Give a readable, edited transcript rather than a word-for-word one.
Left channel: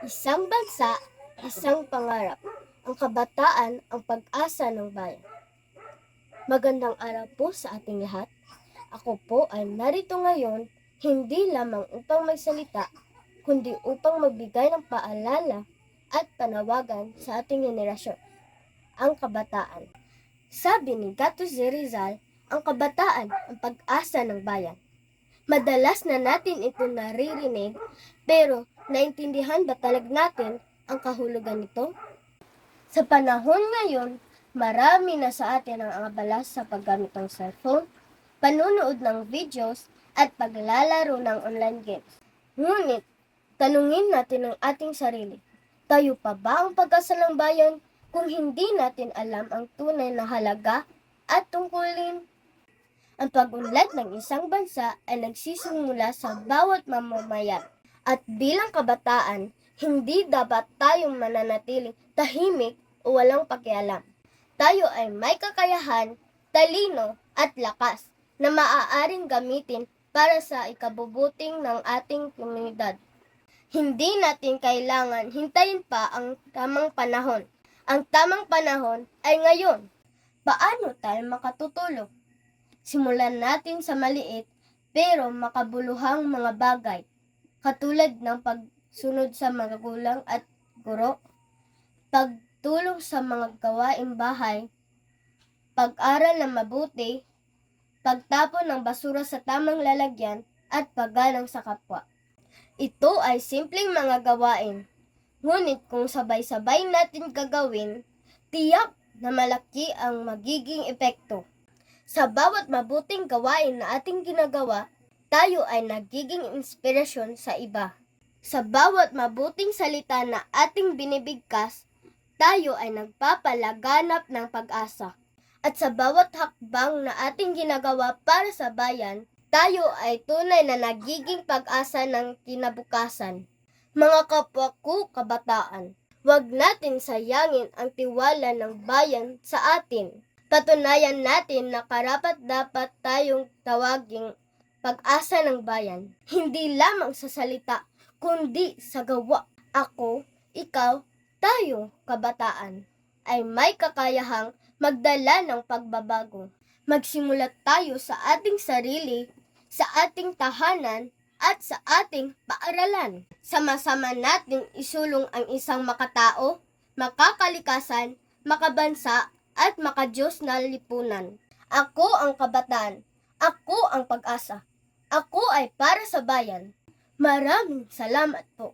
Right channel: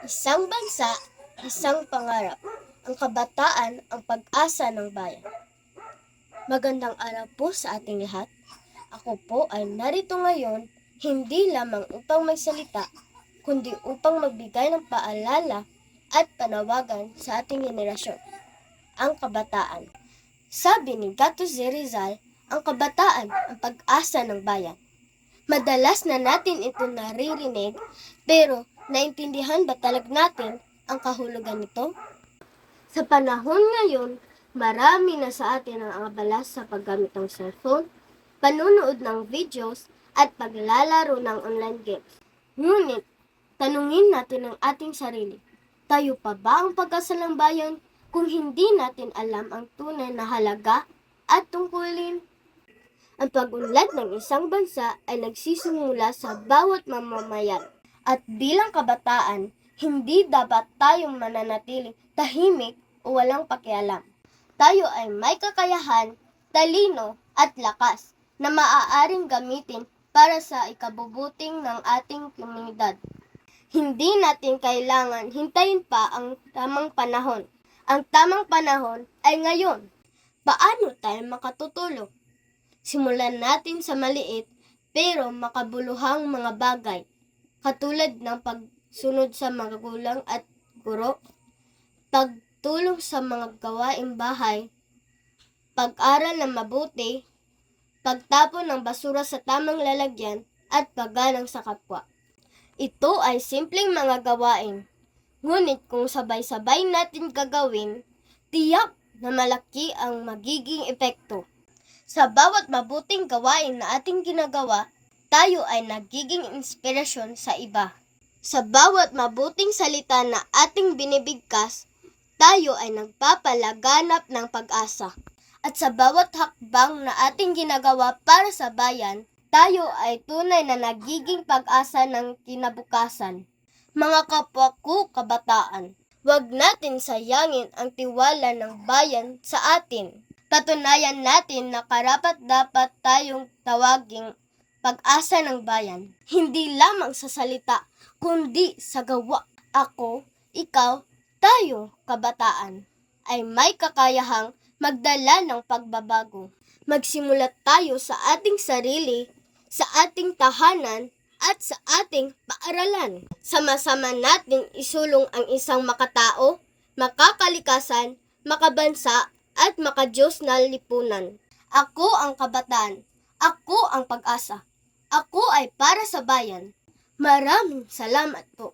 Isang bansa, isang pangarap. Ang kabataan, ang pag-asa ng bayan. Magandang araw po sa ating lahat. Ako po ay narito ngayon hindi lamang upang magsalita, kundi upang magbigay ng paalala at panawagan sa ating henerasyon, ang kabataan. Sabi ni Gato Z. Rizal, ang kabataan ang pag-asa ng bayan. Madalas na natin ito naririnig, pero naintindihan ba talaga natin ang kahulugan nito? Sa panahon ngayon, marami na sa atin ang abala sa paggamit ng cellphone, panunood ng videos, at paglalaro ng online games. Ngunit, tanungin natin ang ating sarili, tayo pa ba ang pag-asa ng bayan kung hindi natin alam ang tunay na halaga at tungkulin? Ang pag-unlad ng isang bansa ay nagsisimula sa bawat mamamayan. At bilang kabataan, hindi dapat tayong mananatiling tahimik o walang pakialam. Tayo ay may kakayahan, talino at lakas na maaaring gamitin para sa ikabubuting ng ating komunidad. Hindi natin kailangan hintayin pa ang tamang panahon. Ang tamang panahon ay ngayon. Paano tayo makatutulong? Simulan natin sa maliit pero makabuluhang mga bagay, katulad ng pagsunod sa mga magulang at guro, pagtulong sa mga gawaing bahay, pag-aral ng mabuti, pagtapon ng basura sa tamang lalagyan, at paggalang sa kapwa. Ito ay simpleng mga gawain, ngunit kung sabay-sabay natin gagawin, tiyak na malaki ang magiging epekto. Sa bawat mabuting gawain na ating ginagawa, tayo ay nagiging inspirasyon sa iba. Sa bawat mabuting salita na ating binibigkas, tayo ay nagpapalaganap ng pag-asa. At sa bawat hakbang na ating ginagawa para sa bayan, tayo ay tunay na nagiging pag-asa ng kinabukasan. Mga kapwa ko kabataan, huwag natin sayangin ang tiwala ng bayan sa atin. Patunayan natin na karapat-dapat tayong tawaging pag-asa ng bayan. Hindi lamang sa salita, kundi sa gawa. Ako, ikaw, tayo, kabataan, ay may kakayahang magdala ng pagbabago. Magsimulat tayo sa ating sarili, sa ating tahanan, at sa ating paaralan. Sama-sama nating isulong ang isang makatao, makakalikasan, makabansa, at makadiyos na lipunan. Ako ang kabataan. Ako ang pag-asa. Ako ay para sa bayan. Maraming salamat po.